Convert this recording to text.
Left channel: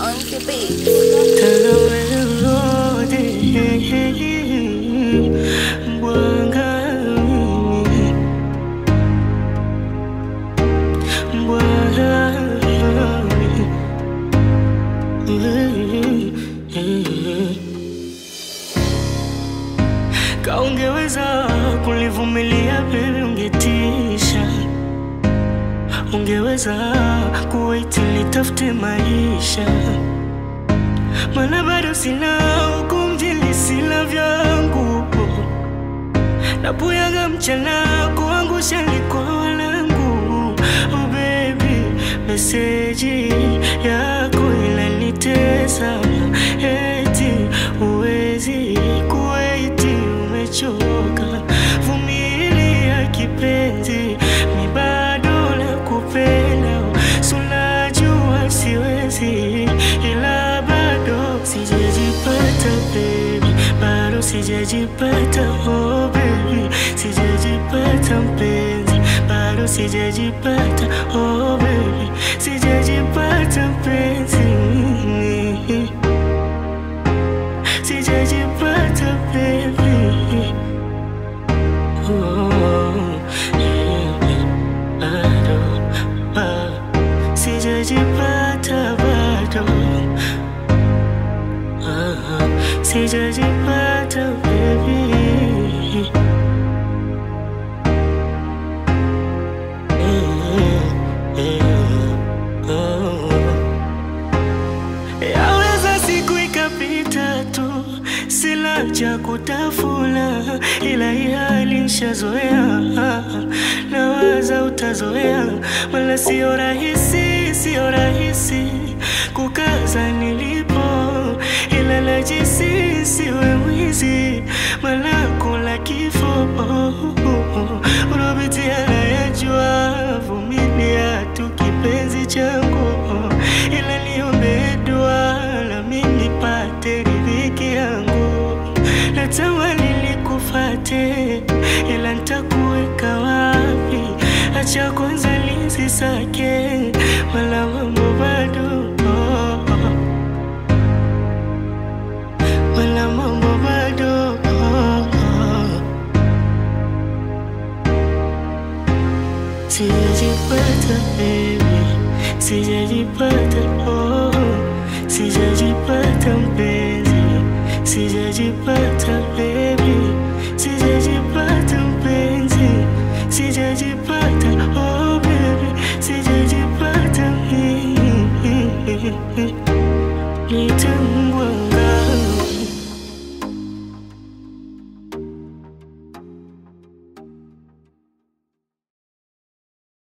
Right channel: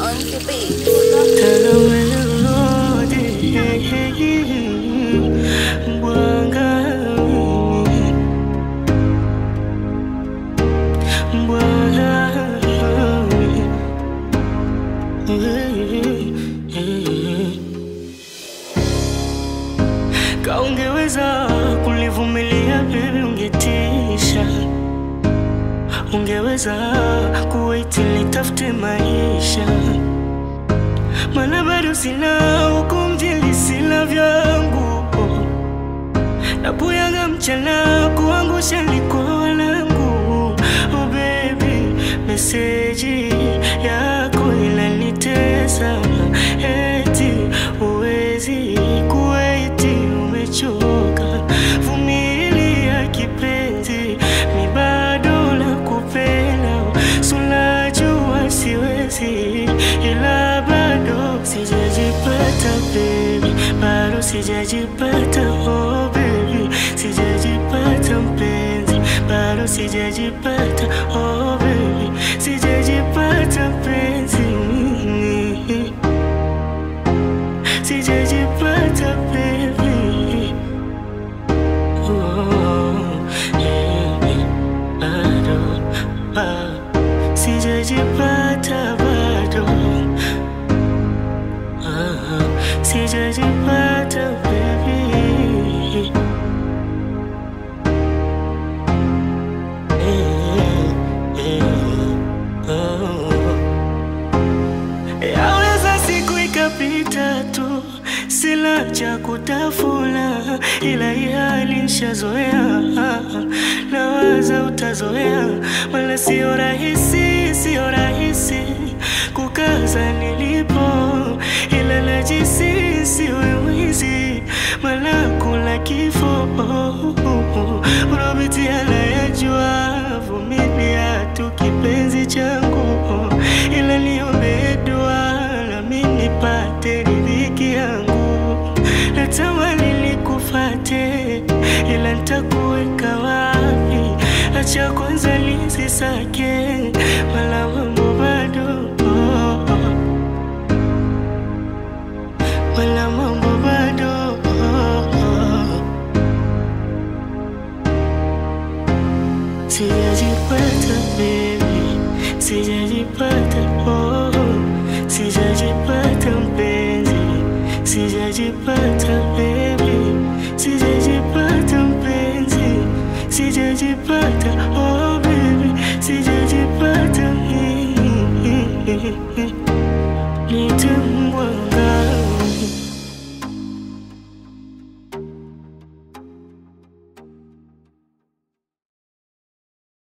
On the beat. Tell melody, Bwanga, Kaungeweza kulivumilia baby ungetisha. Ungeweza kuwait nitafute maisha. Mana bado sina ukumjili sila vyangu. Napuyanga mchana kuangusha liko walangu. Oh baby, meseji yako inanitesa. Eti uwezi kuwaiti umechoka. Vumilia kipenzi, mi bado nakupenda. Sunajua siwezi, ila bado sijajipata baby. Bado sijajipata oh baby. Sijajipata mpenzi, bado sijajipata oh baby. Sijajipata mpenzi, sijajipata baby. Oh, bado, sijajipata bado. Sijajipata baby. Yaweza siku ikapita tu, sila cha kutafuna, ila hii hali nishazoea. Nawaza utazoea, wala sio rahisi, sio rahisi kukaza nilipo, ila najisi siwe mwizi, maana kula kifo. Unapitia nayajua, vumilia tu kipenzi changu, ila niombe dua na mimi nipate riziki yangu. Natamani nikufate, ila nitakuweka wapi? Acha kwanza nisisake, wala mambo bado, wala mambo bado. Sijajipata baby, sijajipata oh. Sijajipata mpenzi, sijajipata baby. Sijajipata mpenzi, sijajipata oh baby. Sijajipata Nitembwanga.